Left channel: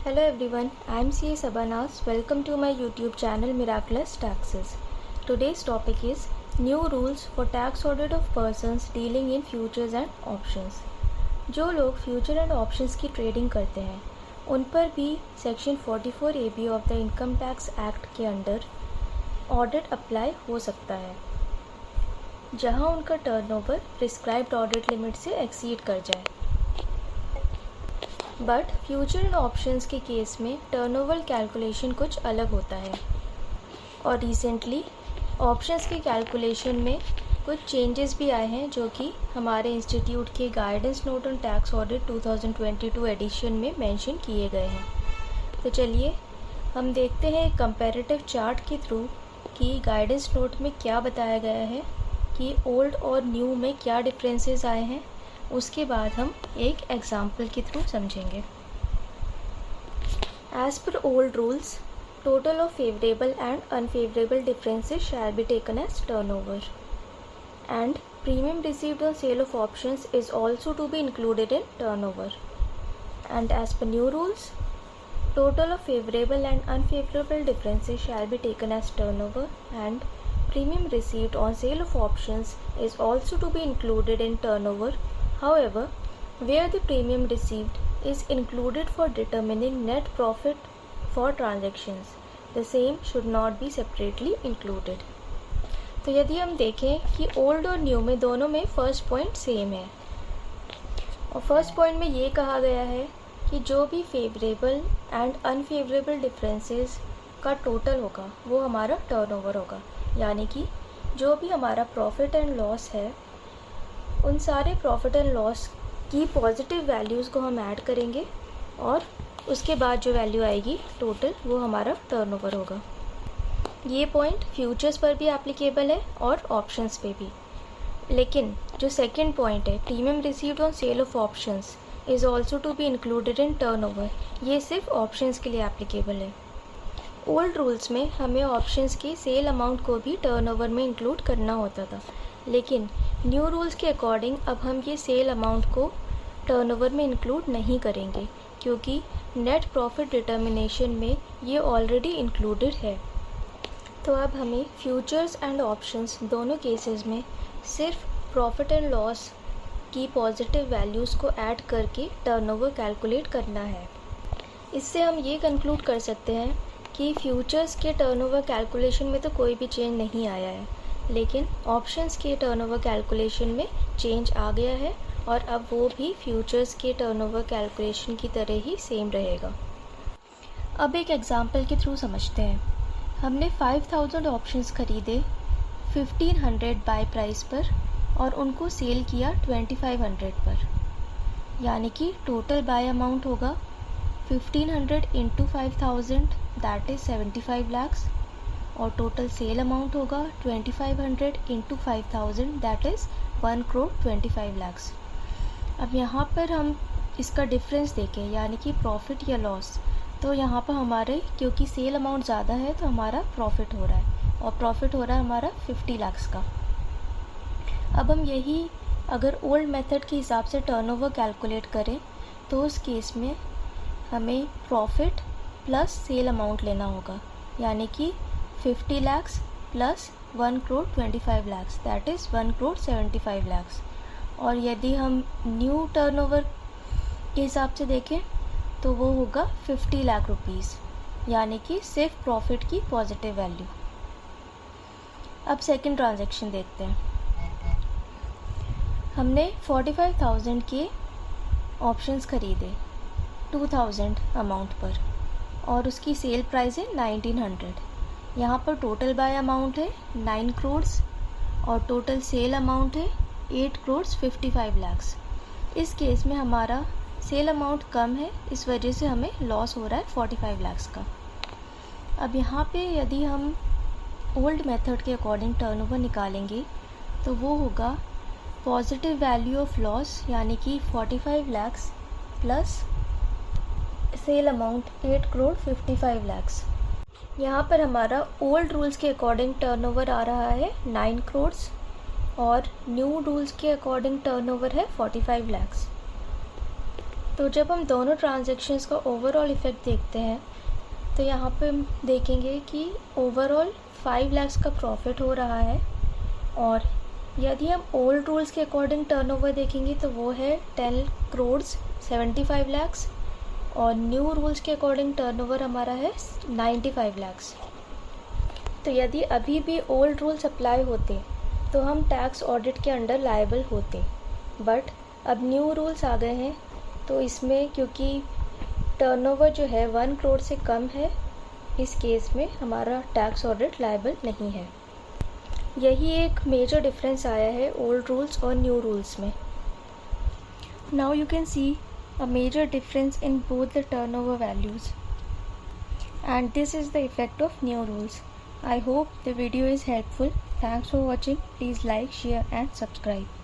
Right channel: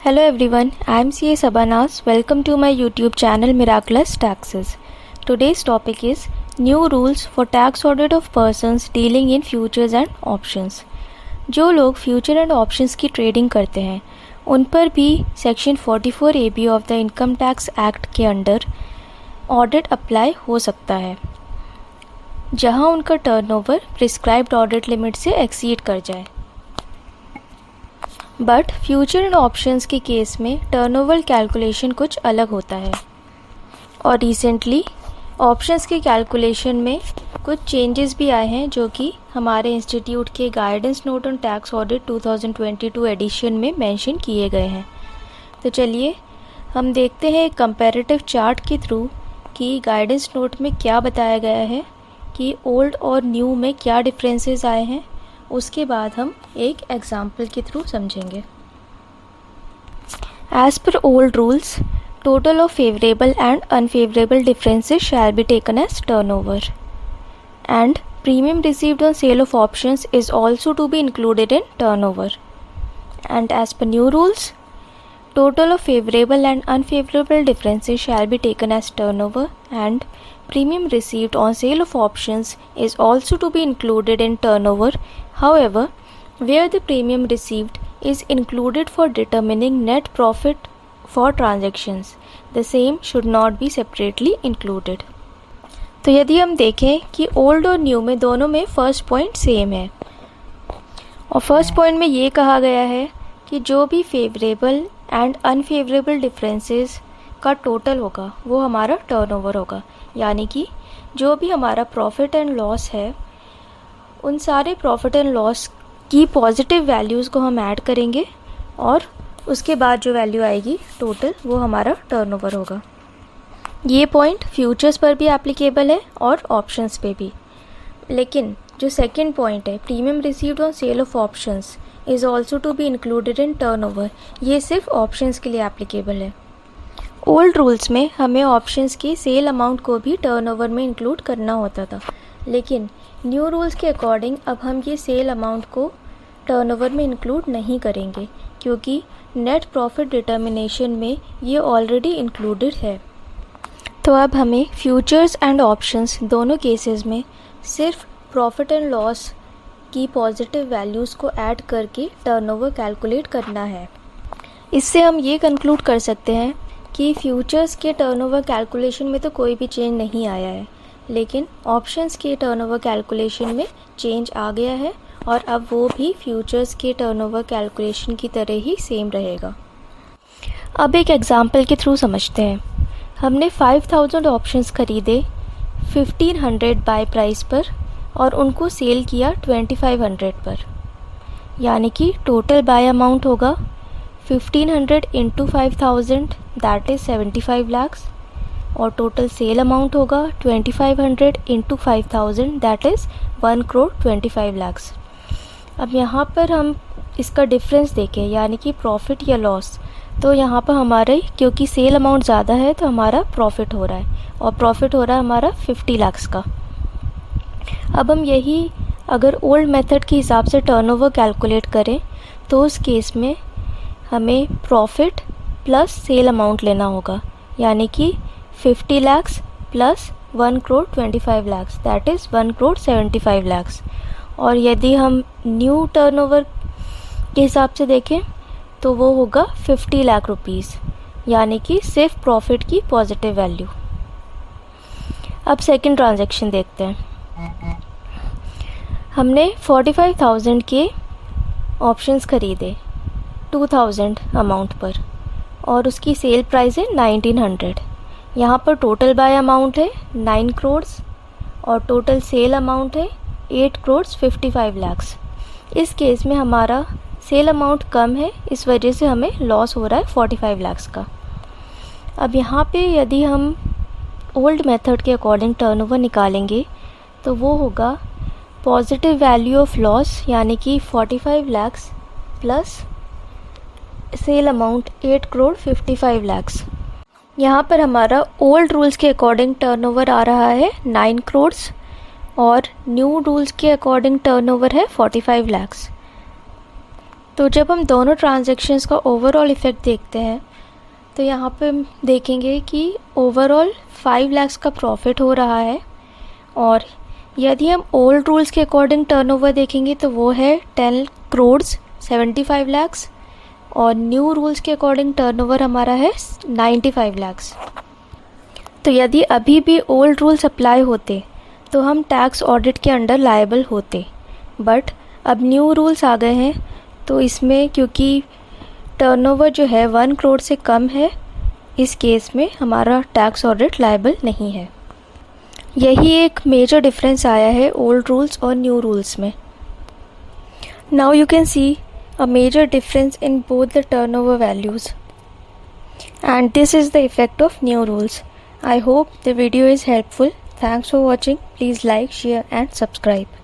Hello everyone, I am CA Sabanas. Welcome to my YouTube channel Miraculous Taxes. Today's topic is New Rules for Tax Audit of Persons Dealing in Futures and Options. जो लोग future and options की trading करते हैं उन पर भी section 44 AB of the income tax act के under audit apply हो सकता है, जहां उनका टर्नओवर प्रिस्क्राइब्ड ऑडिट लिमिट से एक्सीड कर जाए। बट फ्यूचर एंड ऑप्शंस के केस में टर्नओवर कैलकुलेशन कुछ अलग होता है और रिसेंटली ऑप्शंस के कैलकुलेशन में कुछ चेंजेस भी आए हैं जो कि हमारे इंस्टीट्यूट के guidance note on tax audit 2022 edition में मेंशन किए गए हैं। तो चलिए हम देखते हैं कंपैरेटिव चार्ट के थ्रू कि गाइडेंस नोट में क्या बताया गया है कि ओल्ड और न्यू में क्या डिफरेंसेस आए हैं। उसके बाद हम एक एग्जाम्पल के थ्रू समझेंगे। As per old rules, total of favorable and unfavorable differences shall be taken as turnover, and premium received on sale of options is also to be included in turnover. And as per new rules, total of favorable and unfavorable differences shall be taken as turnover, and premium received on sale of options is also to be included in turnover. However, where the premium received is included for determining net profit for transactions, the same should not be separately included. तो यदि हम देखें कि old और new में दोनों में first point same है और फर्स्ट पॉइंट में ये कहा गया है कि जो भी फेवरेबल एंड अनफेवरेबल डिफरेंसेस का टोटल होगा वो हमारा टर्नओवर होगा, यानी कि जो भी हमारा प्रॉफिट एंड लॉस है उन सारे प्रॉफिट एंड लॉस की पॉजिटिव वैल्यूज़ को हम ऐड करेंगे और उसके बाद जो वैल्यू आएगी टोटल वो हमारा टर्नओवर होगा। ये पॉइंट फ्यूचर्स पर भी एप्लीकेबल है और ऑप्शंस पे भी, लेकिन जो सेकंड पॉइंट है premium received on sale of options is also to be included in turnover, ये सिर्फ ऑप्शंस के लिए एप्लीकेबल है। ओल्ड रूल्स में हमें ऑप्शंस की सेल अमाउंट को भी टर्नओवर में इंक्लूड करना होता था, लेकिन न्यू रूल्स के अकॉर्डिंग अब हम ये सेल अमाउंट को टर्नओवर में इंक्लूड नहीं करेंगे क्योंकि नेट प्रॉफिट डिटर्मिनेशन में ये ऑलरेडी इंक्लूडेड है। तो अब हमें फ्यूचर्स एंड ऑप्शंस दोनों केसेस में सिर्फ प्रॉफिट एंड लॉस की पॉजिटिव वैल्यूज़ को ऐड करके टर्नओवर कैलकुलेट करना है। इससे हम ये कंक्लूड कर सकते हैं कि फ्यूचर्स के टर्नओवर कैलकुलेशन में तो कोई भी चेंज नहीं आया है, लेकिन ऑप्शंस के टर्नओवर कैलकुलेशन में चेंज आ गया है और अब वो भी फ्यूचर्स के टर्नओवर कैलकुलेशन की तरह ही सेम रहेगा। अब एक एग्जांपल के थ्रू समझते हैं। हमने 5000 ऑप्शंस खरीदे 1500 बाय प्राइस पर और उनको सेल किया 2500 पर, यानी कि टोटल बाय अमाउंट होगा 1500 इंटू 5000 दैट इज़ 75 लाख और टोटल सेल अमाउंट होगा 2500 into 5000 that is 1 crore 25 lakh. अब यहाँ पर हम इसका डिफरेंस देखें, यानी कि प्रॉफिट या लॉस, तो यहाँ पर हमारे क्योंकि सेल अमाउंट ज़्यादा है तो हमारा प्रॉफिट हो रहा है और प्रॉफिट हो रहा है हमारा 50 लाख का। अब हम यही अगर ओल्ड मेथड के हिसाब से टर्नओवर कैलकुलेट करें तो उस केस में हमें प्रॉफिट प्लस सेल अमाउंट लेना होगा, यानी कि 50 lakh plus 1 crore 25 lakh that is 1 crore 75 lakh. और यदि हम न्यू टर्नओवर के हिसाब से देखें तो वो होगा 50 लाख रुपीज़, यानी कि सिर्फ प्रॉफिट की पॉजिटिव वैल्यू। अब सेकंड ट्रांजैक्शन देखते हैं। हमने 45,000 के ऑप्शंस खरीदे 2000 अमाउंट पर और उसकी सेल प्राइस है 1900। यहाँ पर टोटल बाय अमाउंट है 9 करोड़ और टोटल सेल अमाउंट है 8 करोड़ 55 लाख। इस केस में हमारा सेल अमाउंट कम है, इस वजह से हमें लॉस हो रहा है 45 लाख का। अब यहाँ पे यदि हम ओल्ड मेथड के अकॉर्डिंग टर्नओवर निकालेंगे तो वो होगा पॉजिटिव वैल्यू ऑफ लॉस, यानी कि 45 lakh plus sale amount 8 crore 55 lakh. यहाँ पर हमारा ओल्ड रूल्स के अकॉर्डिंग टर्नओवर आ रहा है 9 करोड़ और न्यू रूल्स के अकॉर्डिंग टर्नओवर है 45 लाख। तो जब हम दोनों ट्रांजैक्शंस का ओवरऑल इफ़ेक्ट देखते हैं तो यहाँ पे हम देखेंगे कि ओवरऑल 5 लाख का प्रॉफिट हो रहा है, और यदि हम ओल्ड रूल्स के अकॉर्डिंग टर्नओवर देखेंगे तो वो है 10 करोड़ 75 लाख, और न्यू रूल्स के अकॉर्डिंग टर्नओवर हमारा है 95 लाख। तो यदि अभी भी ओल्ड रूल्स अप्लाई होते तो हम टैक्स ऑडिट के अंडर लायबल होते, बट अब न्यू रूल्स आ गए हैं तो इसमें क्योंकि टर्नओवर जो है 1 करोड़ से कम है, इस केस में हमारा टैक्स ऑडिट लायबल नहीं है। यही एक मेजर डिफरेंस आया है ओल्ड रूल्स और न्यू रूल्स में। Now you can see a major difference in both the turnover values, and this is the effect of new rules. I hope the video is helpful. Thanks for watching. Please like, share and subscribe.